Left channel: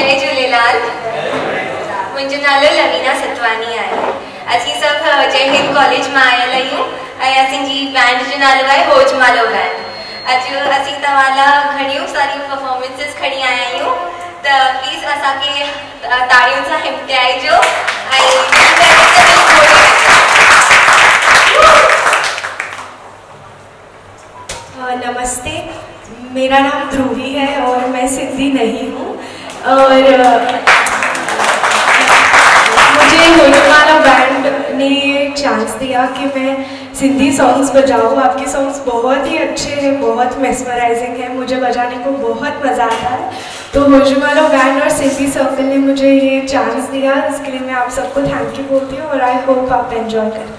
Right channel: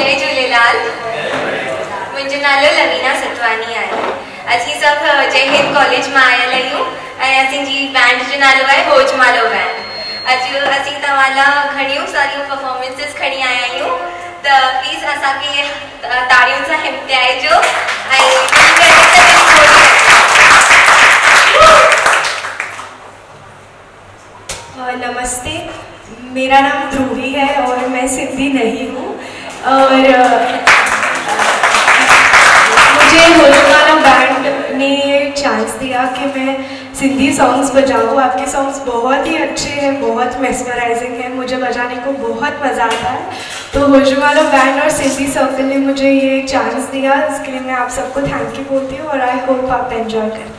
जय झूलेलाल। मुझे नालो रवीना सतवानी है। असी सब जय हिंद कॉलेज में आयल आयूँ। असी बैंड जो नालो है होजमालो बैंड। अज असी तवाला घणियों सारियों परफॉर्मेंसेस खड़ी आया आयूँ। तो प्लीज असा के ताड़ियों से हिमटाइजो। नमस्ते, मेरा नाम ध्रुवी है और मैं सिंधी नहीं हूँ और मुझे होजमालो बैंड ने ये चांस दिया कि मैं सिंधी सॉन्ग्स बजाऊँ। आपके सॉन्ग्स बहुत ही अच्छे हैं, बहुत मेस्मराइजिंग है, मुझे बजाने को बहुत मज़ा आता है। तो होजमालो बैंड और सिंधी सर्कल ने मुझे ये चांस दिया, इसके लिए मैं आप सबको थैंक यू बोलती हूँ और आई होप आप एंजॉय करें।